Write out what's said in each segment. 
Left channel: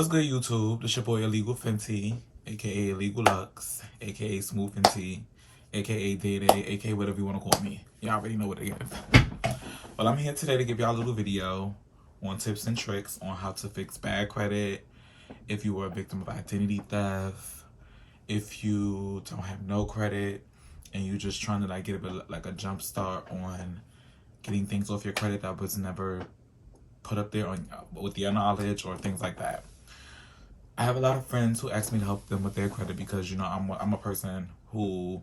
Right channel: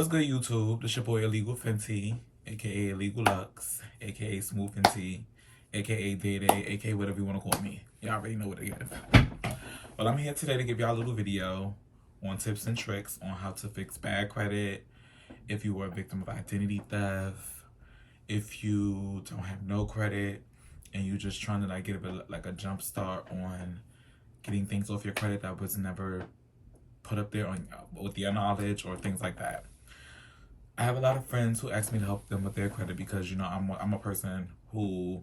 What's good, YouTube? This your boy Illegal Fenty, aka Illegal Lux, aka Smooth Fenty, aka Day Day, aka whatever you want to call me. Y'all already know what it is. Well, I'm here today to give y'all a little video on tips and tricks on how to fix bad credit if you were a victim of identity theft, if you don't have no credit and you just trying to like get a jump start on getting things off your credit that was never put up there on with your knowledge or things like that. I have a lot of friends who ask me to help them with their credit because, you know, I'm a person who,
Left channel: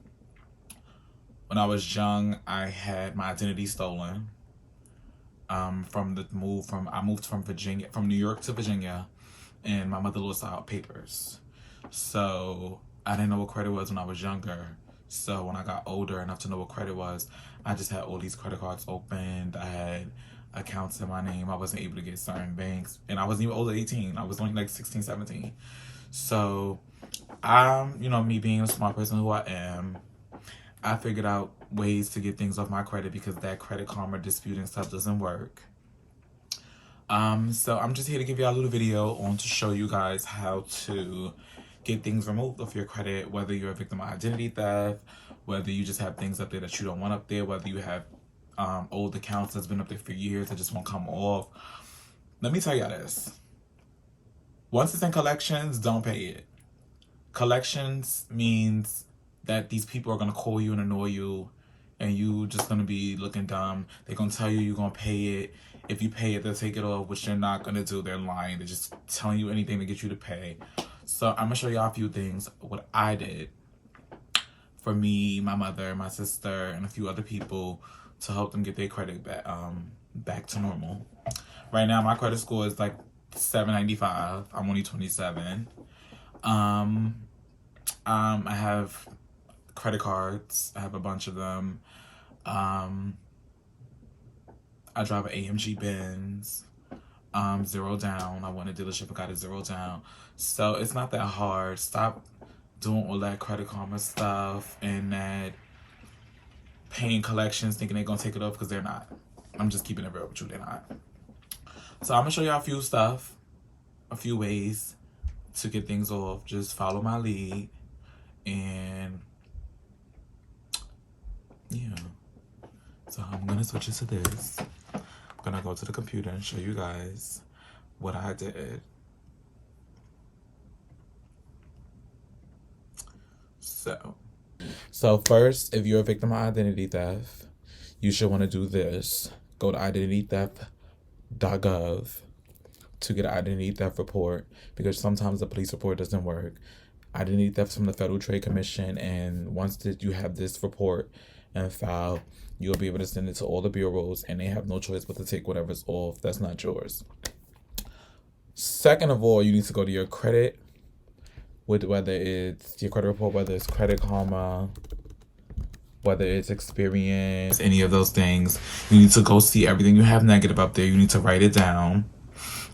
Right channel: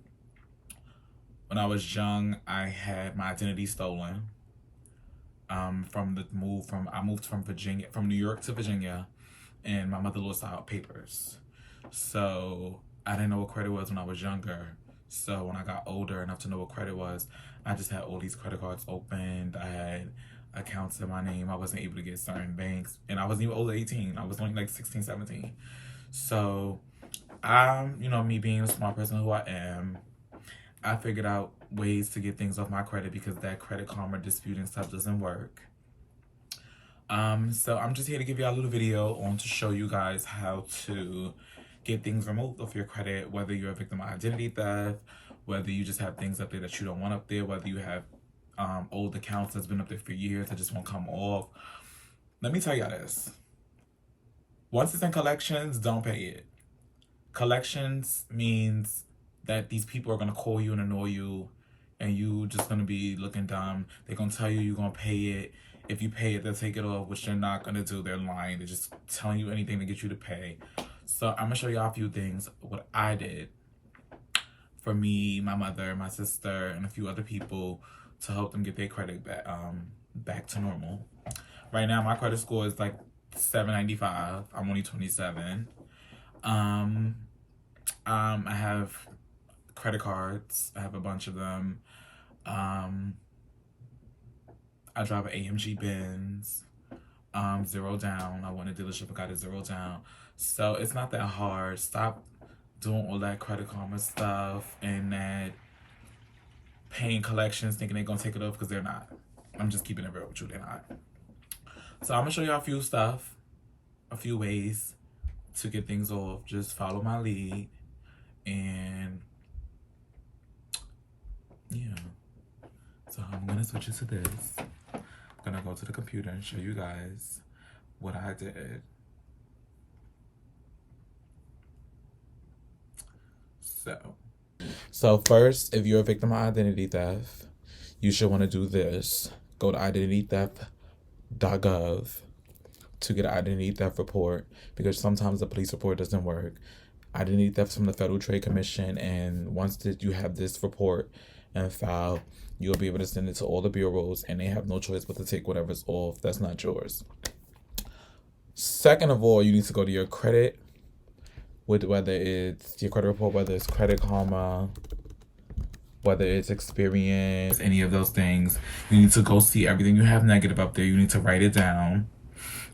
when I was young, I had my identity stolen. I moved from New York to Virginia, and my mother lost out papers. So I didn't know what credit was when I was younger. So when I got older enough to know what credit was, I just had all these credit cards opened. I had accounts in my name. I wasn't able to get certain banks, and I wasn't even older than 18. I was only like 16, 17. So you know, me being a smart person who I am, I figured out ways to get things off my credit because that Credit Karma disputing stuff doesn't work. So I'm just here to give y'all a little video on to show you guys how to get things removed off your credit, whether you're a victim of identity theft, whether you just have things up there that you don't want up there, whether you have old accounts that's been up there for years that just won't come off. Let me tell y'all this. Once it's in collections, don't pay it. Collections means that these people are going to call you and annoy you, and you just going to be looking dumb. They're going to tell you you're going to pay it. If you pay it, they'll take it off, which they're not going to do. They're lying. They're just telling you anything to get you to pay. So I'm going to show y'all a few things, what I did for me, my mother, my sister, and a few other people to help them get their credit back to normal. Right now, my credit score is like 795. I'm only 27. I have credit cards. I have a bunch of them. I drive an AMG Benz. 0 down. I went to dealership and got it 0 down. So it's not that hard. Stop doing all that Credit Karma stuff and that paying collections thinking they're gonna take it off, because they're not. I'm just keeping it real with you, they're not. So I'm gonna show y'all a few ways to get things off. Just follow my lead, and yeah. So I'm gonna switch it to this. I'm gonna go to the computer and show you guys what I did. So first, if you're a victim of identity theft, you should want to do this. Go to identitytheft.gov to get an identity theft report, because sometimes the police report doesn't work. Identity theft from the Federal Trade Commission, and once you have this report and file, you'll be able to send it to all the bureaus, and they have no choice but to take whatever's off that's not yours. Second of all, you need to go to your credit, whether it's your credit report, whether it's Credit Karma, whether it's Experience, any of those things. You need to go see everything you have negative up there. You need to write it down.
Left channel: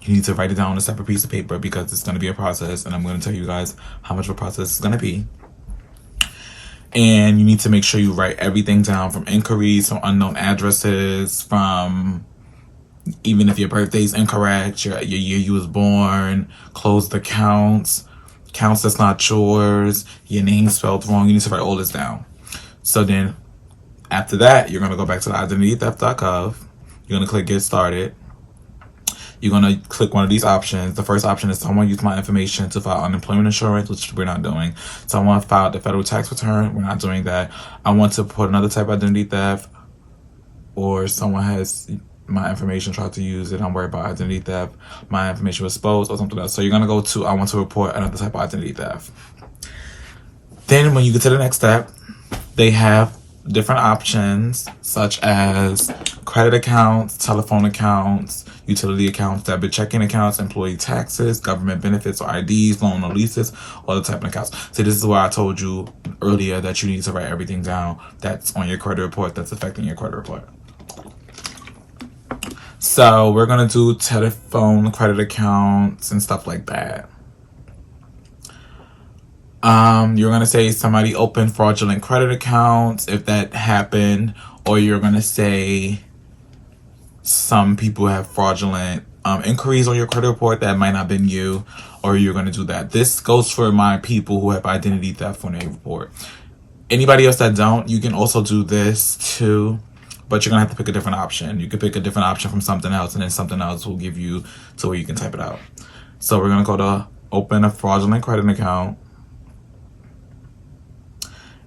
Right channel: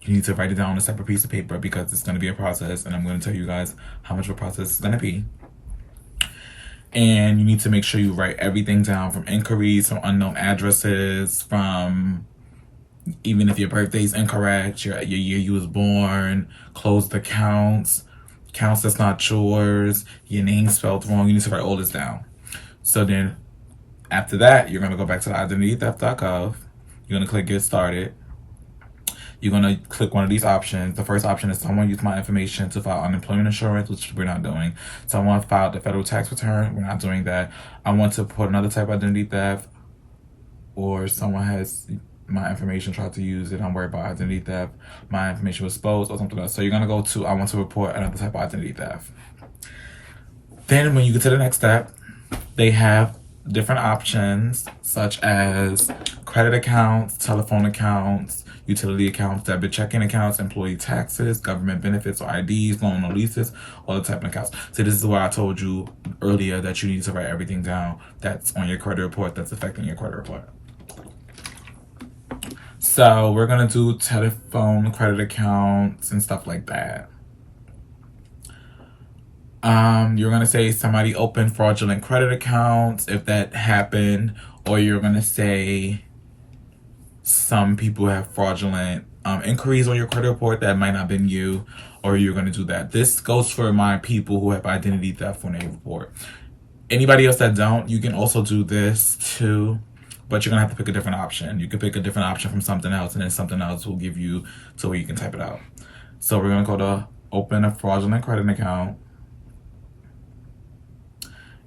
You need to write it down on a separate piece of paper, because it's going to be a process, and I'm going to tell you guys how much of a process it's going to be. And you need to make sure you write everything down, from inquiries, from unknown addresses, from even if your birthday's incorrect, your year you was born, closed accounts, accounts that's not yours, your name spelled wrong. You need to write all this down. So then after that, you're going to go back to the identitytheft.gov. You're going to click Get Started. You're going to click one of these options. The first option is someone use my information to file unemployment insurance, which we're not doing. Someone filed the federal tax return. We're not doing that. I want to put another type of identity theft, or someone has my information, tried to use it. I'm worried about identity theft. My information was exposed or something else. So you're going to go to I want to report another type of identity theft. Then when you get to the next step, they have different options such as credit accounts, telephone accounts, utility accounts, debit checking accounts, employee taxes, government benefits or IDs, loan or leases, all the type of accounts. So this is why I told you earlier that you need to write everything down that's on your credit report that's affecting your credit report. So we're going to do telephone credit accounts and stuff like that. You're going to say somebody opened fraudulent credit accounts if that happened, or you're going to say some people have fraudulent inquiries on your credit report that might not have been you, or you're going to do that. This goes for my people who have identity theft on their report. Anybody else that don't, you can also do this too, but you're going to have to pick a different option. You can pick a different option from something else, and then something else will give you to where you can type it out. So we're going to go to open a fraudulent credit account.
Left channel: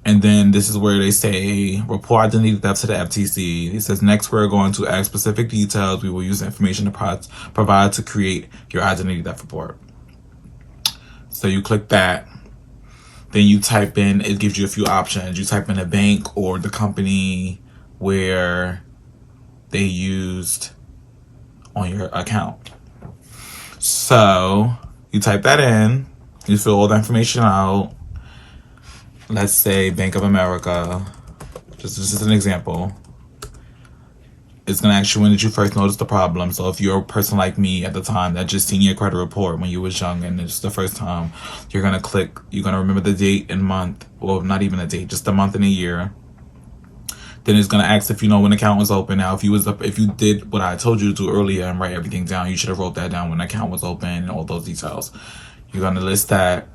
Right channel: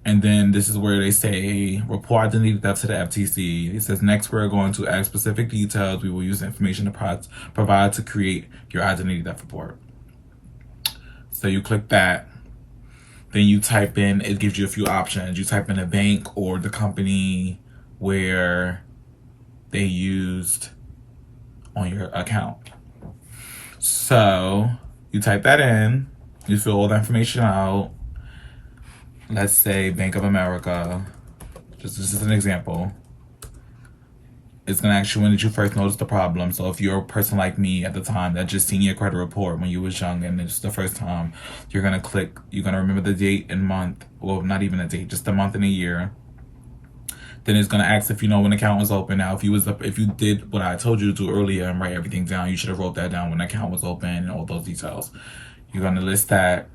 And then this is where they say, report identity theft to the FTC. It says, next we're going to add specific details. We will use the information to provide to create your identity theft report. So you click that. Then you type in, it gives you a few options. You type in a bank or the company where they used on your account. So you type that in. You fill all the information out. Let's say Bank of America, just as an example. It's going to ask you when did you first notice the problem. So if you're a person like me at the time that just seen your credit report when you was young and it's the first time, you're going to click, you're going to remember the date and month, well, not even a date, just the month and a year. Then it's going to ask if you know when the account was open. Now, if you did what I told you to do earlier and write everything down, you should have wrote that down when the account was open and all those details. You're going to list that.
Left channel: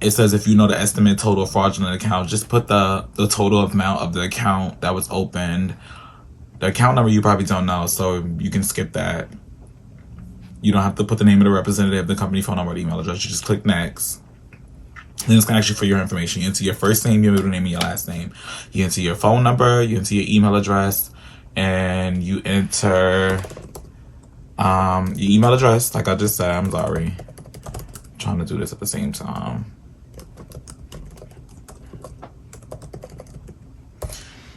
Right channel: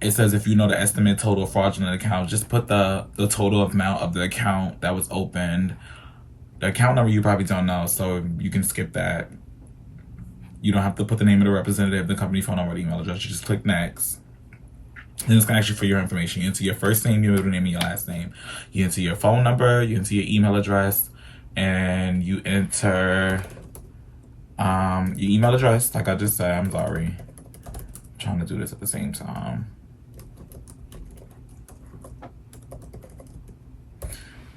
It says if you know the estimate total fraudulent account, just put the total amount of the account that was opened. The account number you probably don't know, so you can skip that. You don't have to put the name of the representative, the company phone number, or the email address. You just click next. Then it's going to ask you for your information. You enter your first name, your middle name, and your last name. You enter your phone number, you enter your email address, and you enter your email address. Like I just said, I'm sorry. I'm trying to do this at the same time.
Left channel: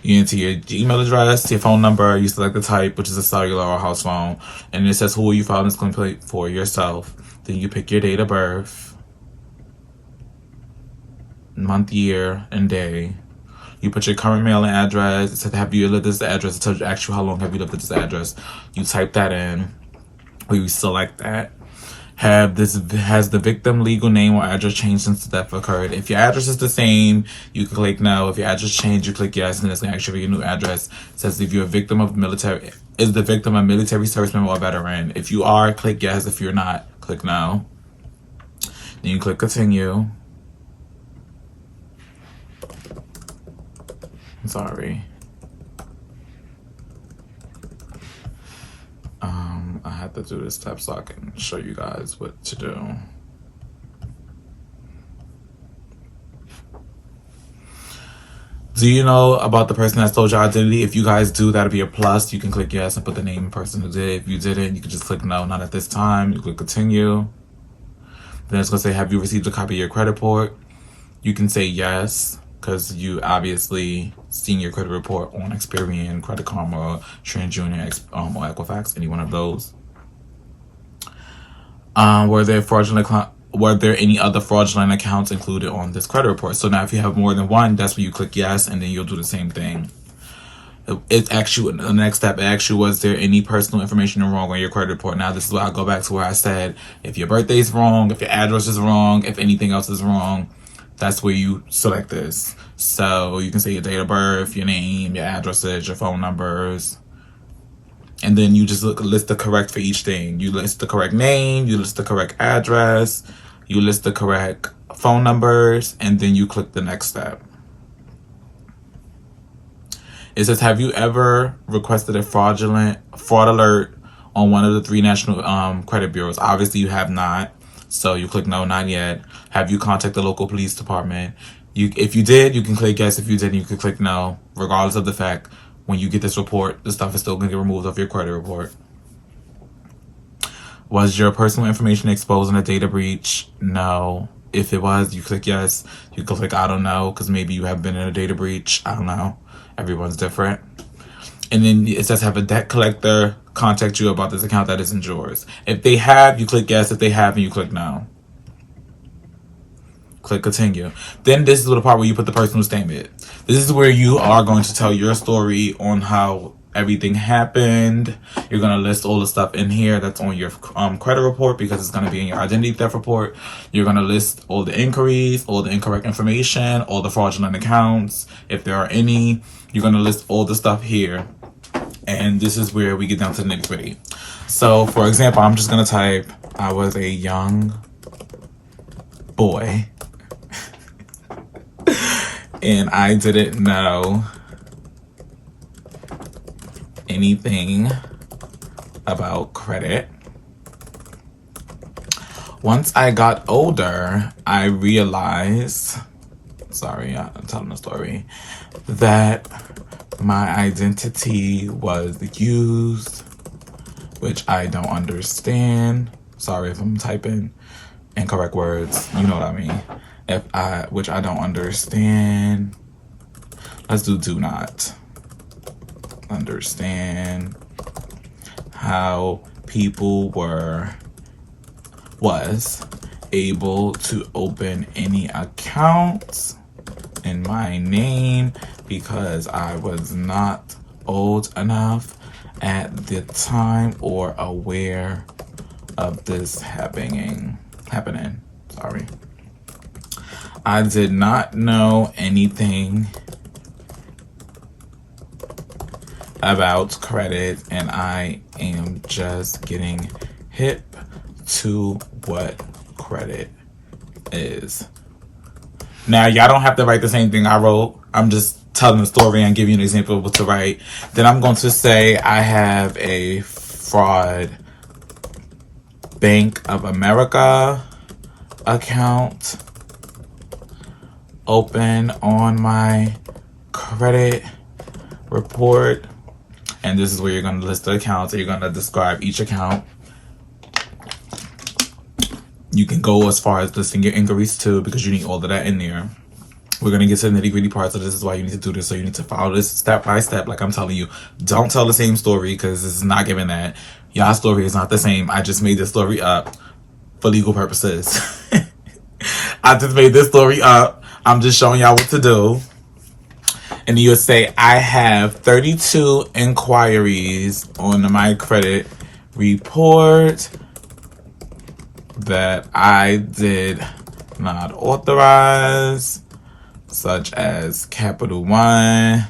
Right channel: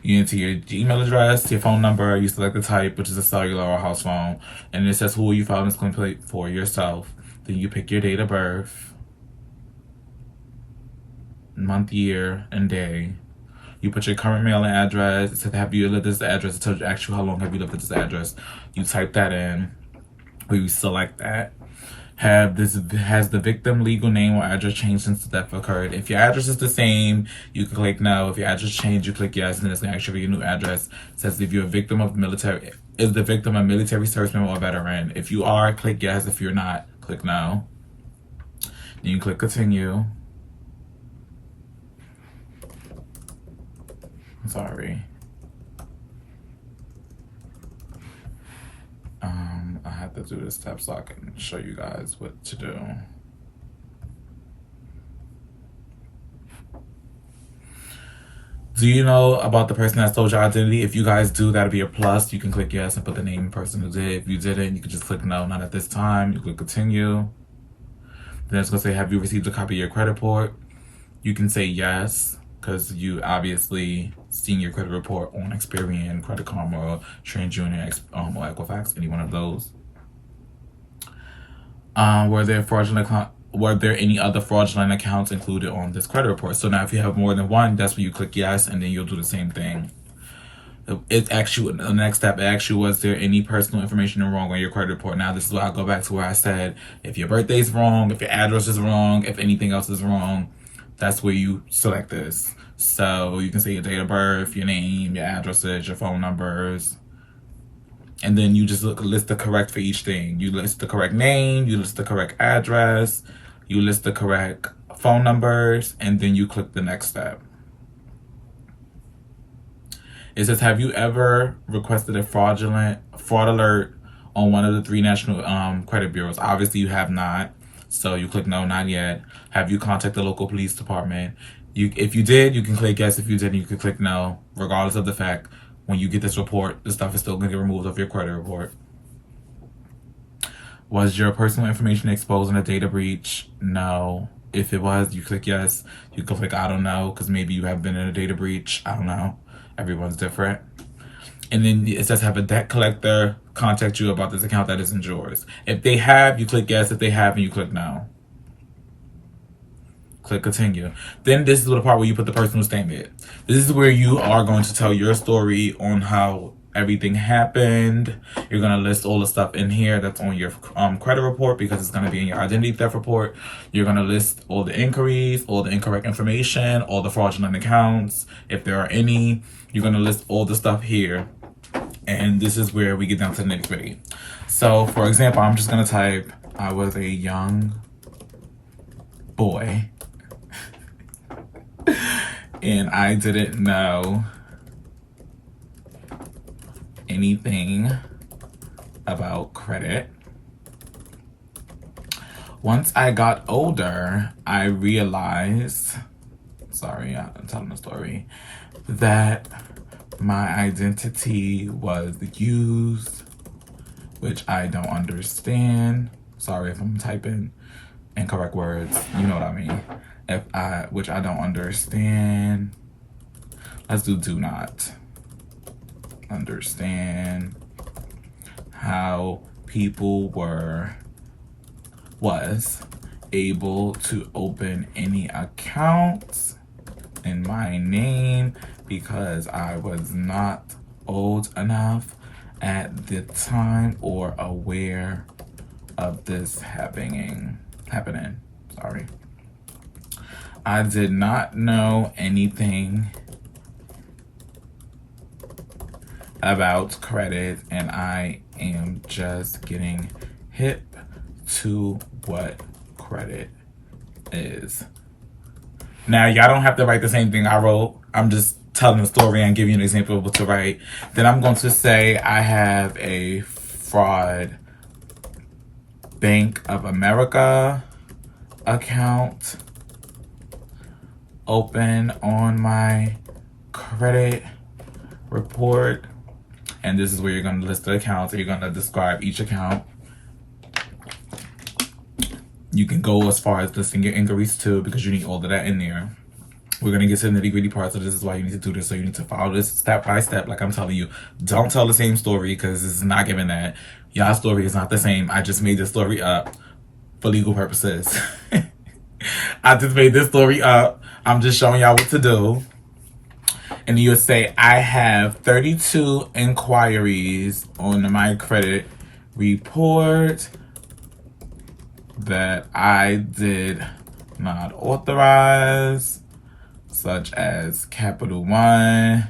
You enter your email address, your phone number, you select the type, which is a cellular or house phone, and it says who you filing this complaint for, yourself. Then you pick your date of birth, month, year, and day. You put your current mailing address. It says have you lived at this address. It tells you actually how long have you lived at this address. You type that in, or you select that. Has the victim legal name or address changed since the theft occurred? If your address is the same, you can click no. If your address changed, you click yes, and then it's gonna ask you for your new address. It says if you're a victim of military, is the victim a military service member or veteran? If you are, click yes. If you're not, click no. Then you click continue. I'm sorry. I had to do this step so I can show you guys what to do. Do you know about the person that stole your identity? If you guys do, that'll be a plus. You can click yes and put the name of the person who did. If you didn't, you can just click no, not at this time. You click continue. Then it's gonna say, have you received a copy of your credit report? You can say yes, because you obviously seen your credit report on Experian, Credit Karma, TransUnion, or Equifax, any one of those. Were there any other fraudulent accounts included on this credit report? So now if you have more than one, that's when you click yes, and then you'll do the same thing. It actually, the next step, actually, was there any personal information wrong on your credit report? Now this is where I go back to where I said, if your birthday's wrong, if your address is wrong, if anything else is wrong, that's where you select this. So you can say your date of birth, your name, your addresses, your phone numbers. And then you just list the correct for each thing. You list the correct name, you list the correct address, you list the correct phone numbers, and then you click the next step. It says, have you ever requested a fraud alert on one of the 3 national credit bureaus? Obviously you have not. So you click no, not yet. Have you contacted the local police department? If you did, you can click yes. If you didn't, you can click no. Regardless of the fact, when you get this report, the stuff is still going to get removed off your credit report. Was your personal information exposed in a data breach? No. If it was, you click yes. You can click I don't know, because maybe you have been in a data breach. I don't know. Everyone's different. And then it says, have a debt collector contact you about this account that isn't yours. If they have, you click yes. If they haven't, you click no. Click continue. Then this is the part where you put the personal statement. This is where you are going to tell your story on how everything happened. You're going to list all the stuff in here that's on your credit report, because it's going to be in your identity theft report. You're going to list all the inquiries, all the incorrect information, all the fraudulent accounts, if there are any. You're going to list all the stuff here. And this is where we get down to the nitty gritty. So, for example, I'm just going to type, I was a young boy and I didn't know anything about credit. Once I got older, I realized, sorry, I'm telling the story, that my identity was used, which I don't understand. Sorry if I'm typing incorrect words, you know what I mean. Which I don't understand. Let's do not understand how people was able to open any accounts in my name because I was not old enough at the time or aware of this happening. Sorry. I did not know anything about credit, and I am just getting hip to what credit is. Now, y'all don't have to write the same thing I wrote. I'm just telling the story and giving you an example of what to write. Then I'm going to say I have a fraud Bank of America account open on my credit report. And this is where you're going to list the accounts and you're going to describe each account. You can go as far as listing your inquiries too, because you need all of that in there. We're going to get to the nitty gritty parts, so this is why you need to do this. So you need to follow this step by step, like I'm telling you. Don't tell the same story, because this is not giving that. Y'all's story is not the same. I just made this story up for legal purposes. I just made this story up. I'm just showing y'all what to do. And you'll say, I have 32 inquiries on my credit report that I did not authorize, such as Capital One,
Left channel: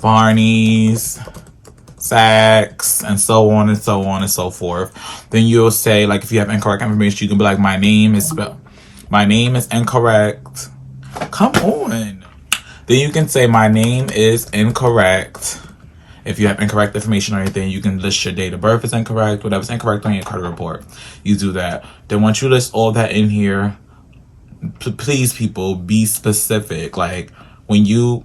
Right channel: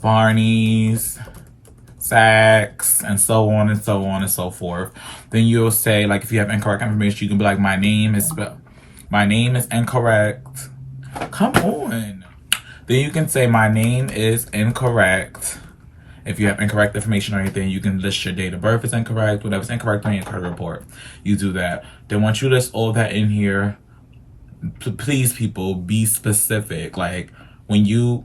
Barney's, Saks, and so on and so on and so forth. Then you'll say, like, if you have incorrect information, you can be like, my name is incorrect. Come on. Then you can say, my name is incorrect. If you have incorrect information or anything, you can list your date of birth is incorrect, whatever's incorrect on your credit report. You do that. Then once you list all that in here, please, people, be specific. Like, when you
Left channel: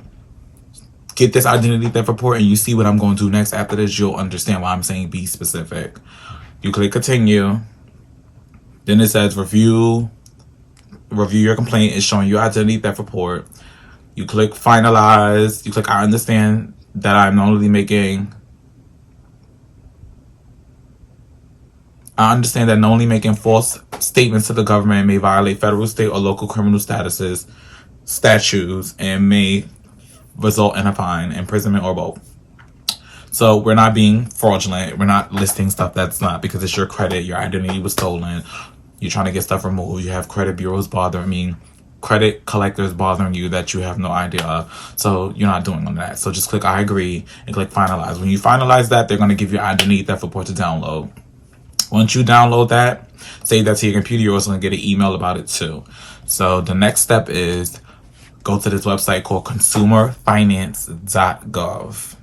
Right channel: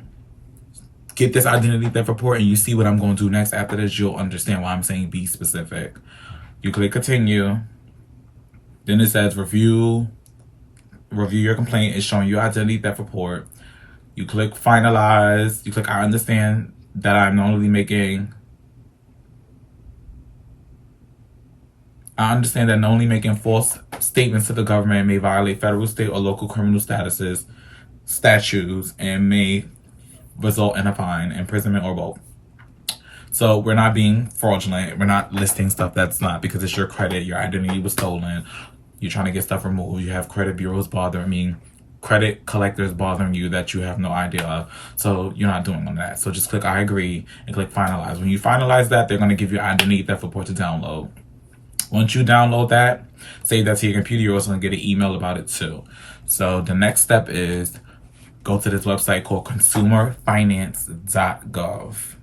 get this identity theft report and you see what I'm going to do next after this, you'll understand why I'm saying be specific. You click continue. Then it says review your complaint. It's showing your identity theft report. You click finalize. You click I understand that I'm only making false statements to the government may violate federal, state, or local criminal statutes and may result in a fine, imprisonment, or both. So we're not being fraudulent. We're not listing stuff that's not, because it's your credit. Your identity was stolen. You're trying to get stuff removed. You have credit bureaus credit collectors bothering you that you have no idea of. So you're not doing on that. So just click I agree and click finalize. When you finalize that, they're going to give you identity theft report to download. Once you download that, save that to your computer, you're also going to get an email about it too. So the next step is go to this website called consumerfinance.gov.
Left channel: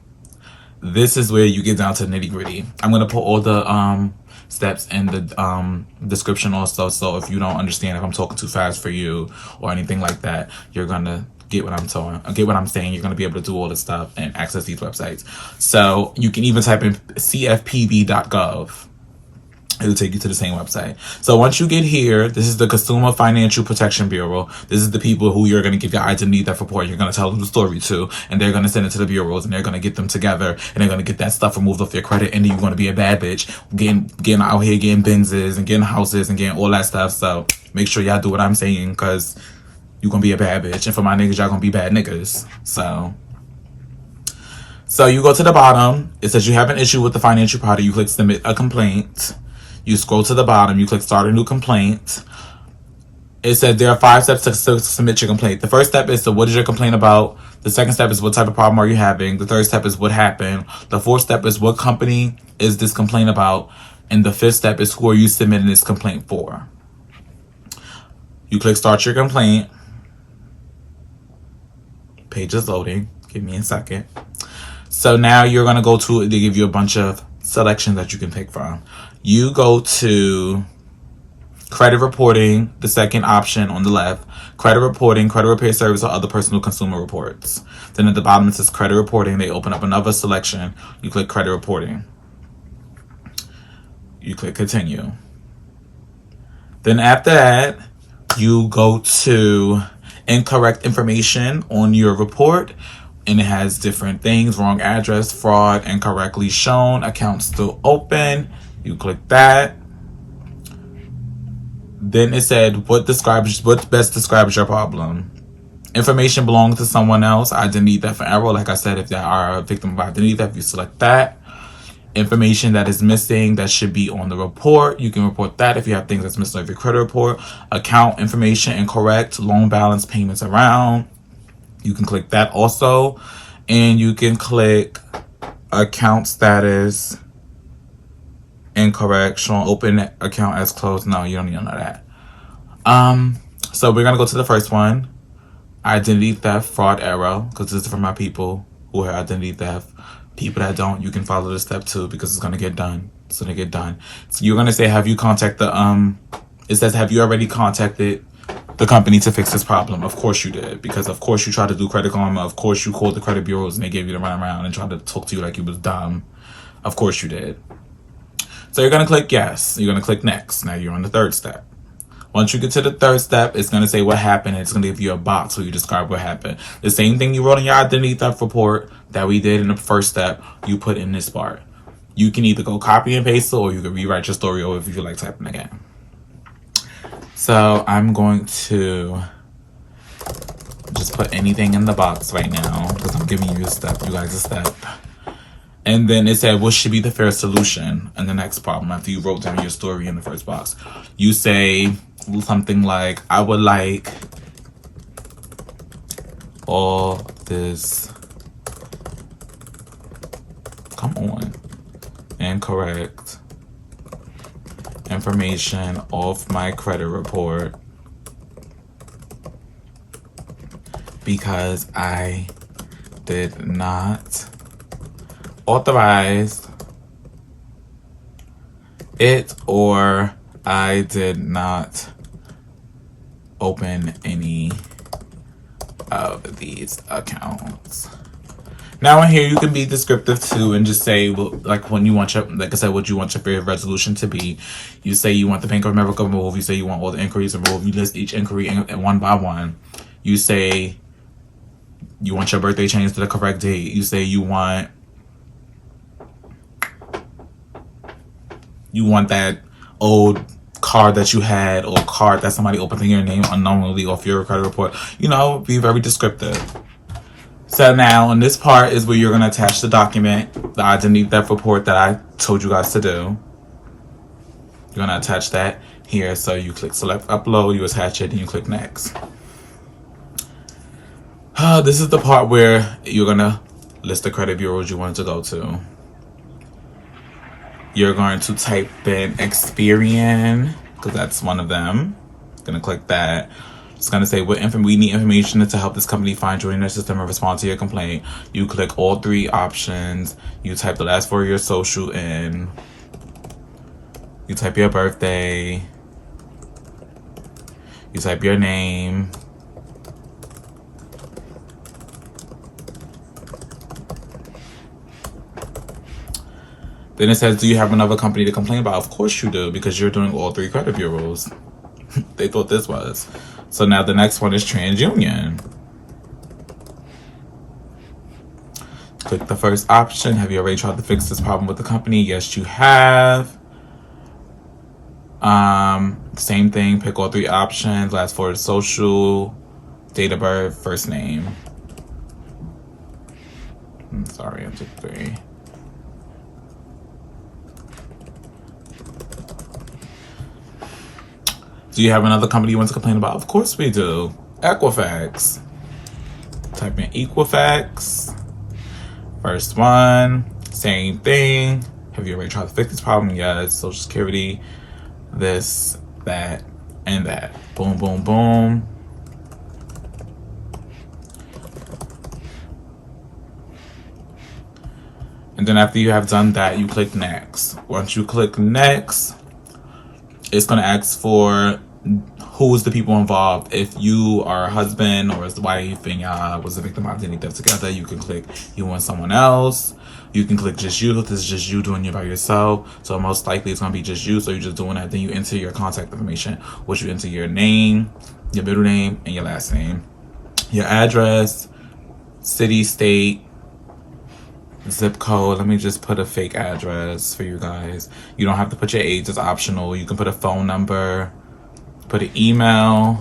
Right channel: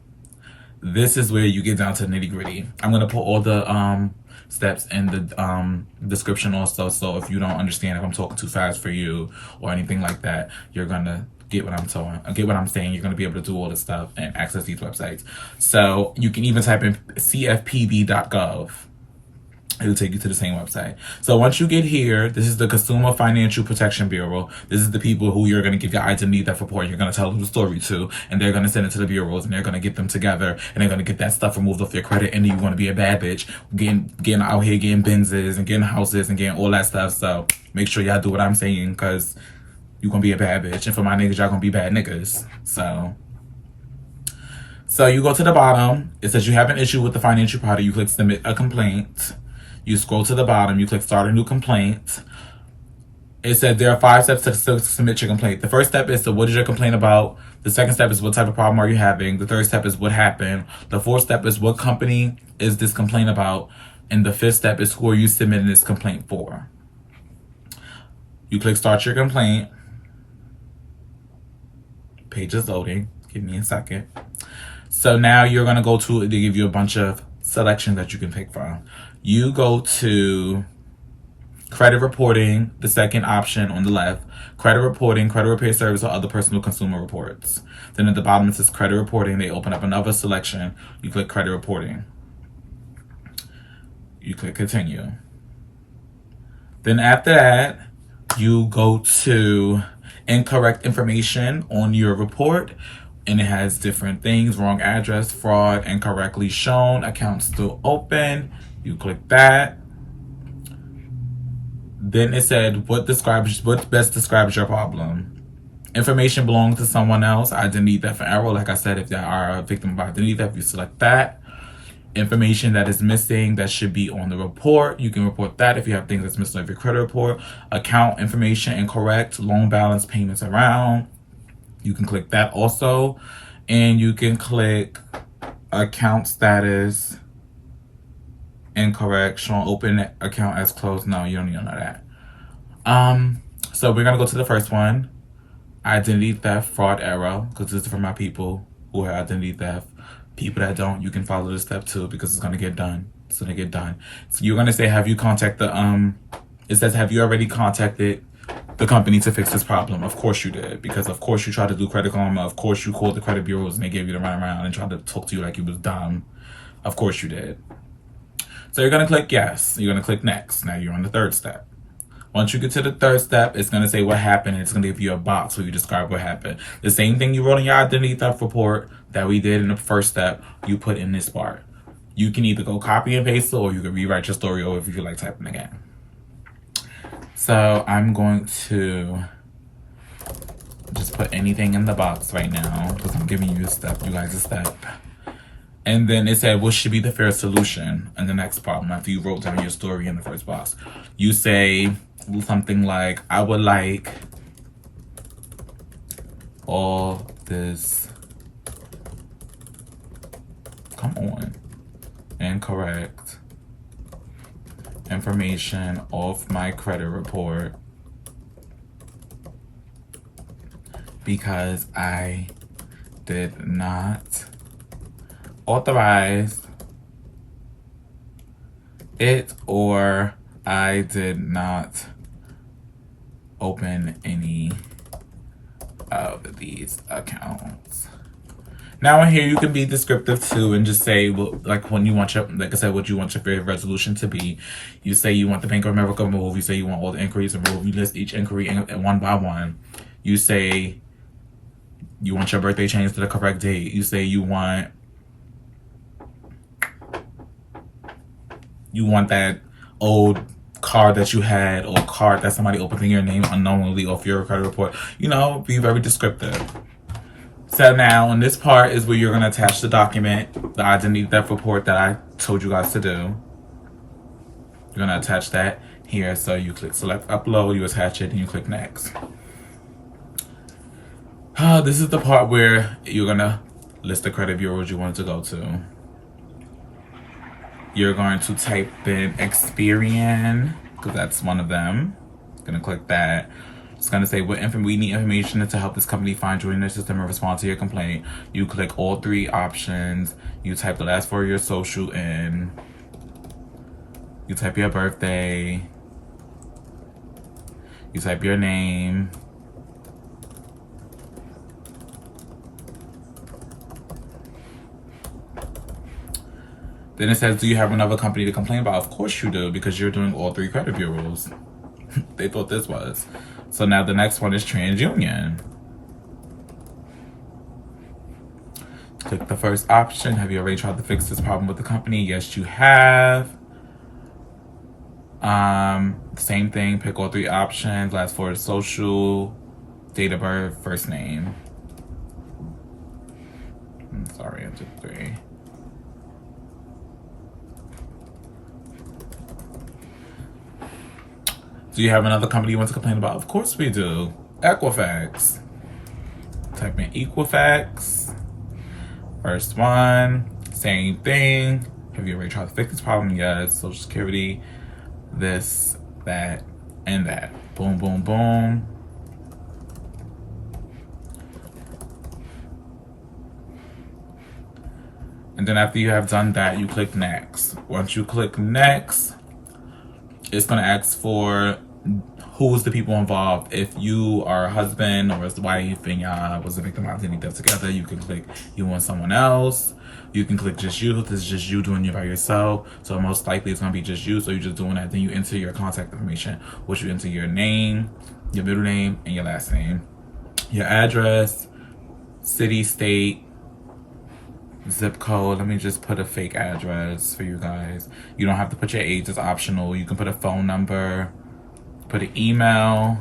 This is where you get down to the nitty gritty. I'm going to put all the steps in the description also, so if you don't understand, if I'm talking too fast for you or anything like that, you're going to get what I'm saying. You're going to be able to do all this stuff and access these websites. So you can even type in CFPB.gov. It'll take you to the same website. So once you get here, this is the Consumer Financial Protection Bureau. This is the people who you're going to give your identity theft report. You're going to tell them the story to, and they're going to send it to the bureaus, and they're going to get them together, and they're going to get that stuff removed off your credit, and then you're going to be a bad bitch, getting out here, getting Benzes, and getting houses, and getting all that stuff. So make sure y'all do what I'm saying, because you're going to be a bad bitch. And for my niggas, y'all going to be bad niggas. So you go to the bottom. It says you have an issue with the financial product. You click submit a complaint. You scroll to the bottom, you click start a new complaint. It said there are 5 steps to submit your complaint. The first step is to what is your complaint about? The second step is what type of problem are you having. The third step is what happened. The fourth step is what company is this complaint about. And the fifth step is who are you submitting this complaint for. You click start your complaint. Page is loading. Give me a second. So now you're going to go to, they give you a bunch of selections that you can pick from. You go to credit reporting, the second option on the left. Credit reporting, credit repair service, or other personal consumer reports. Then at the bottom it says credit reporting. They open up another selection. You click credit reporting. You click continue. Then after that, you go to incorrect information on your report. And it has different things: wrong address, fraud, incorrectly shown, account still open. You click that. Then it said what best describes your problem. Information belongs to someone else. Identity theft and error. Like I said, if you are a victim of identity theft, you select that. Information that is missing that should be on the report, you can report that if you have things that's missing on your credit report. Account information incorrect, loan balance, payments around. You can click that also. And you can click account status incorrect, showing open account as closed. No, you don't need none of that. So we're gonna go to the first one. Identity theft, fraud, error, because this is for my people who have identity theft. People that don't, you can follow the step 2 because it's gonna get done. It's gonna get done. So you're gonna say, have you contacted it says, have you already contacted the company to fix this problem? Of course you did, because of course you tried to do Credit Karma. Of course you called the credit bureaus and they gave you the runaround and tried to talk to you like you was dumb. Of course you did. So you're gonna click yes. You're gonna click next. Now you're on the third step. Once you get to the third step, it's gonna say what happened. It's gonna give you a box where you describe what happened. The same thing you wrote in your identity theft report that we did in the first step, you put in this part. You can either go copy and paste it, or you can rewrite your story over if you feel like typing again. So I'm going to just put anything in the box right now because I'm giving you a step, you guys a step. And then it said, what should be the fair solution in the next problem after you wrote down your story in the first box? You say something like, I would like all this, come on, incorrect information off my credit report because I did not authorize it, or I did not open any of these accounts. Now in here you can be descriptive too and just say, well, like when you want your, like I said, what you want your fair resolution to be. You say you want the Bank of America removed. You say you want all the inquiries removed. You list each inquiry one by one. You say you want your birthday changed to the correct date. You say you want that old card that you had, or card that somebody opened in your name unknowingly off your credit report. You know, be very descriptive. So now in this part is where you're going to attach the document, the identity theft report that I told you guys to do. You're going to attach that here. So you click select upload, you attach it, and you click next. This is the part where you're going to list the credit bureaus you want to go to. You're going to type in Experian, because that's one of them. Going to click that. It's going to say, we need information to help this company find you in their system and respond to your complaint. You click all 3 options. You type the last 4 of your social in. You type your birthday. You type your name. Then it says, do you have another company to complain about? Of course you do, because you're doing all 3 credit bureaus. They thought this was. So now the next one is TransUnion. Click the first option. Have you already tried to fix this problem with the company? Yes, you have. Same thing, pick all 3 options. Last 4 is social, date of birth, first name. I'm sorry, I took 3. Do you have another company you want to complain about? Of course we do. Equifax. type in Equifax. First one, same thing. Have you already tried to fix this problem? Yes. Social Security, this, that, and that. Boom, boom, boom. And then after you have done that, you click next. Once you click next, it's going to ask for who's the people involved. If you are a husband or as the wife and y'all was a victim of identity theft together, you can click you want someone else. You can click just you. This is just you doing it by yourself. So most likely it's going to be just you. So you're just doing that. Then you enter your contact information, which you enter your name, your middle name, and your last name. Your address, city, state, zip code. Let me just put a fake address for you guys. You don't have to put your age. It's optional. You can put a phone number, put an email.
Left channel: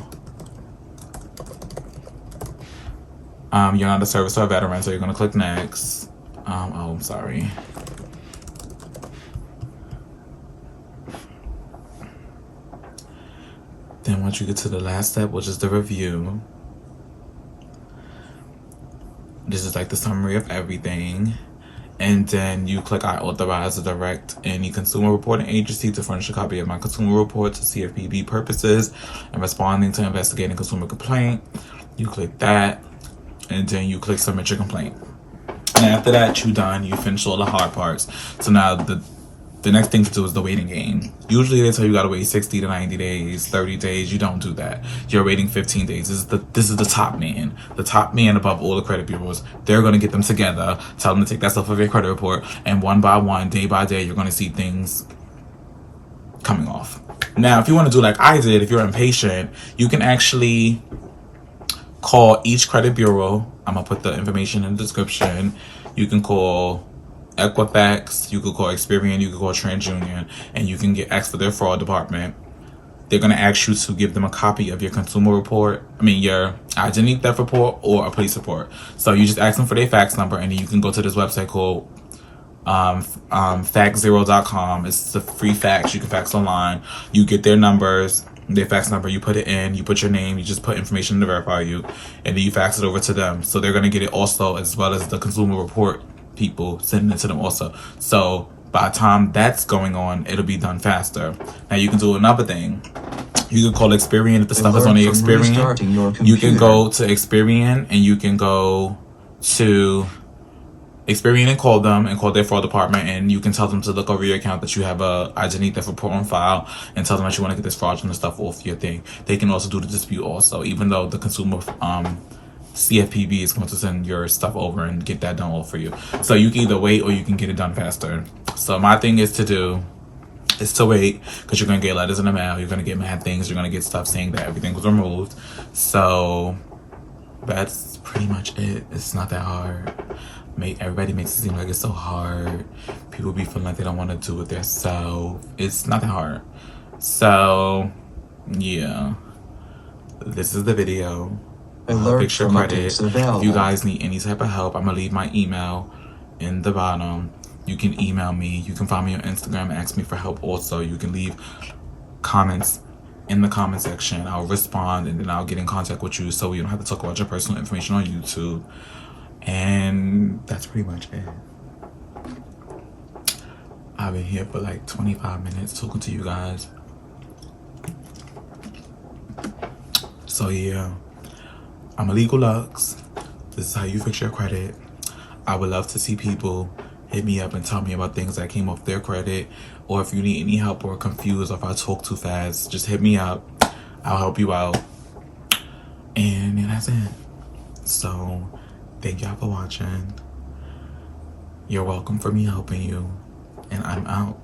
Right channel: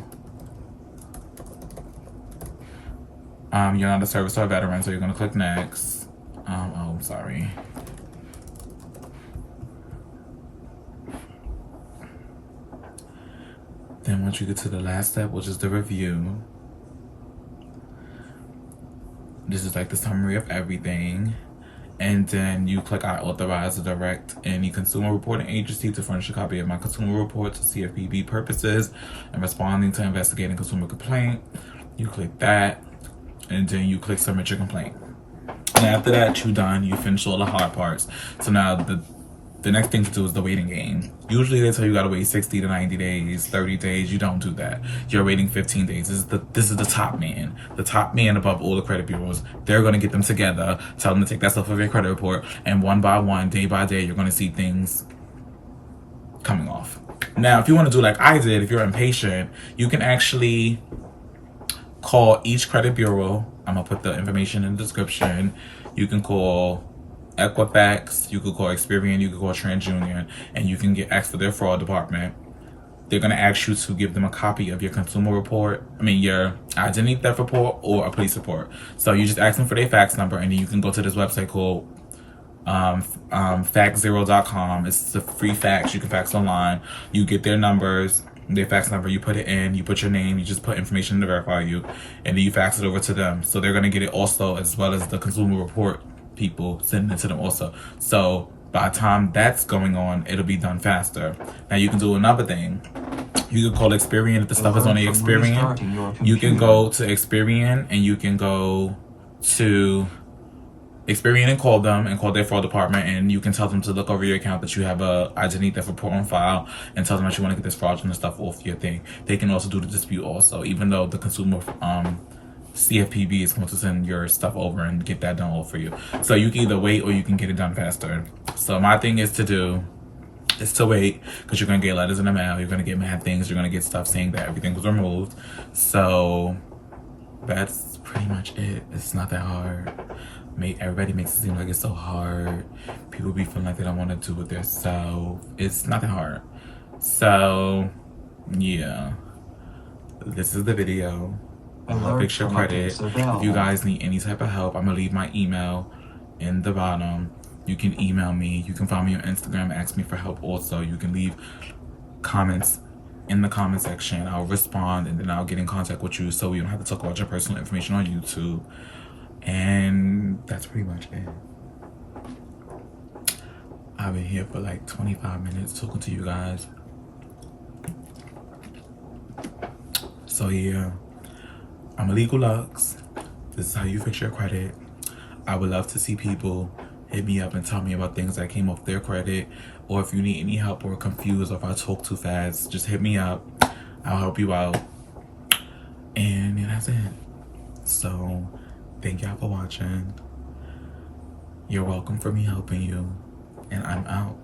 You're not a service or a veteran, so you're going to click next. Oh, I'm sorry. Then once you get to the last step, which is the review, this is like the summary of everything. And then you click I authorize or direct any consumer reporting agency to furnish a copy of my consumer report to CFPB purposes and responding to investigating consumer complaint. You click that, and then you click submit your complaint. And after that, you're done. You finish all the hard parts. So now the next thing to do is the waiting game. Usually they tell you gotta wait 60 to 90 days, 30 days. You don't do that. You're waiting 15 days. This is the top man. The top man above all the credit bureaus. They're gonna get them together, tell them to take that stuff off your credit report, and one by one, day by day, you're gonna see things coming off. Now, if you wanna do like I did, if you're impatient, you can actually call each credit bureau. I'm gonna put the information in the description. You can call Equifax, you could call Experian, you could call TransUnion, and you can get asked for their fraud department. They're gonna ask you to give them a copy of your consumer report, your identity theft report or a police report. So you just ask them for their fax number, and then you can go to this website called fax0.com. It's a free fax. You can fax online. You get their numbers, their fax number, you put it in, you put your name, you just put information to verify you, and then you fax it over to them. So they're gonna get it also, as well as the consumer report people sending it to them also. So by the time that's going on, it'll be done faster. Now you can do another thing. You can call Experian if the stuff is on the Experian. You can go to Experian and you can go to Experian and call them and call their fraud department, and you can tell them to look over your account that you have a identity theft report on file and tell them that you want to get this fraudulent stuff off your thing. They can also do the dispute also, even though the consumer CFPB is going to send your stuff over and get that done all for you. So you can either wait or you can get it done faster. So my thing is to wait, because you're going to get letters in the mail. You're going to get mad things. You're going to get stuff saying that everything was removed. So that's pretty much it. It's not that hard. Everybody makes it seem like it's so hard. People be feeling like they don't want to do it themselves. It's not that hard. So yeah, this is the video. Fix your credit. If you guys need any type of help, I'm gonna leave my email in the bottom. You can email me. You can find me on Instagram and ask me for help also. You can leave comments in the comment section. I'll respond, and then I'll get in contact with you so we don't have to talk about your personal information on YouTube. And that's pretty much it. I've been here for like 25 minutes talking to you guys. So yeah, I'm Illegal Lux. This is how you fix your credit. I would love to see people hit me up and tell me about things that came off their credit, or if you need any help or confused, or if I talk too fast, just hit me up. I'll help you out. And that's it. So thank y'all for watching. You're welcome for me helping you. And I'm out.